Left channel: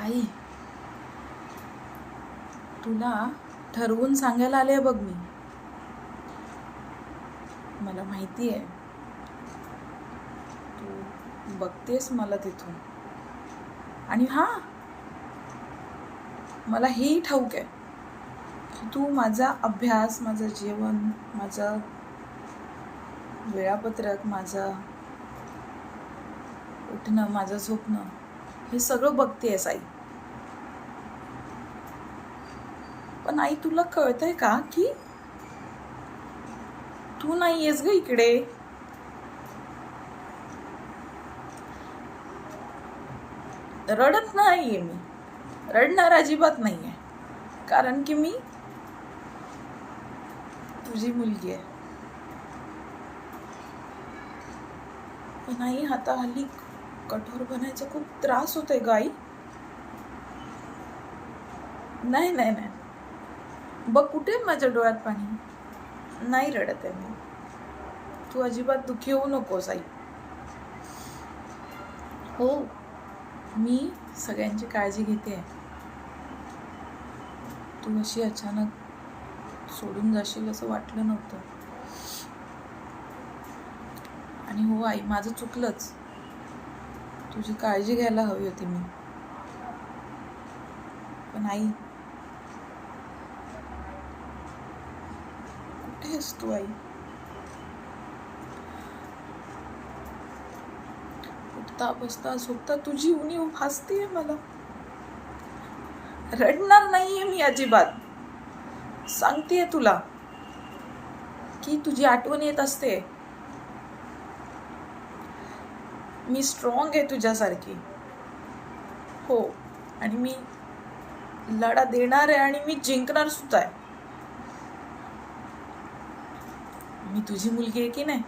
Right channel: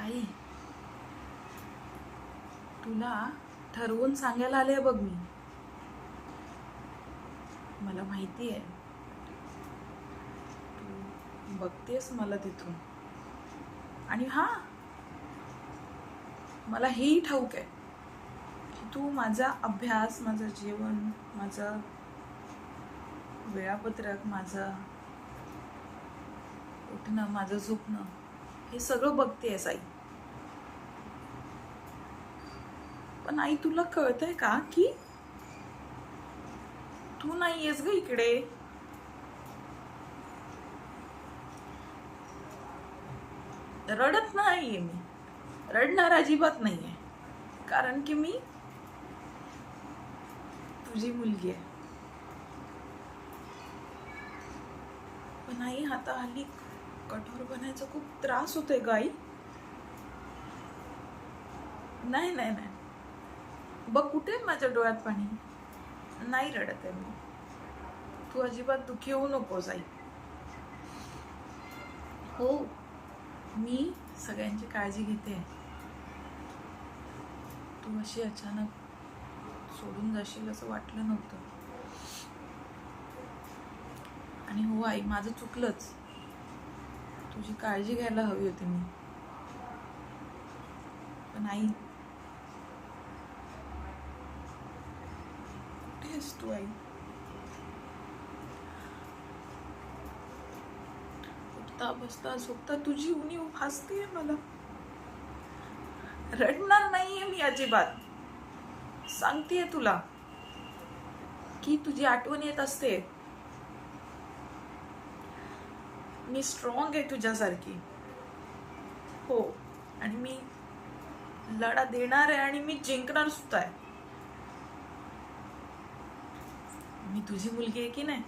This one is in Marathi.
आई, तुला ठरवून सांगायला आले बघ मी. मला माहिती आहे तू बघतेस मला तिथून. आणि मला हेही ठाऊक आहे की तू माझा अभ्यास, माझं जेवण, माझं वेळापत्रक, माझं उठणं, माझं झोपणं हे सगळं बघतेस आई. पण आई, तुला कळतंय का की तू नाही येस ग इकडे. रडत नाहीये मी, रडणार अजिबात नाहीये, कारण की मी तुझी मुलगी आहे. पण आई, आता हल्ली कठोर बनायचा खूप त्रास होतोय ग आई. नाही नाही नाही, बघ कुठे माझ्या डोळ्यात पाणी. नाही रडत आहे मी. तू अजिबात दुःखी होऊ नकोस आई. हो, मी सगळ्यांची काळजी घेते. तू अशी अचानक सोडून जाशील असं वाटलं नव्हतं. आणि हो आई, माझं चुकलंच. तुझी काळजी घ्यायला हवी होती मी. पण आई, कुठे आहेस तू आई? उठता बसता झोपता तुझी उणीव भासतीये मला. रडणार नाहीये मी अजिबात. सांगतेय तुला की तुझी आठवण येत असते. मी स्ट्रॉंग आहे तुझ्यासारखी. हो, आणि मी लढा देणार आहे आणि मी जिंकणार सुद्धा आहे. मी तुझी मुलगी आहे की नाही.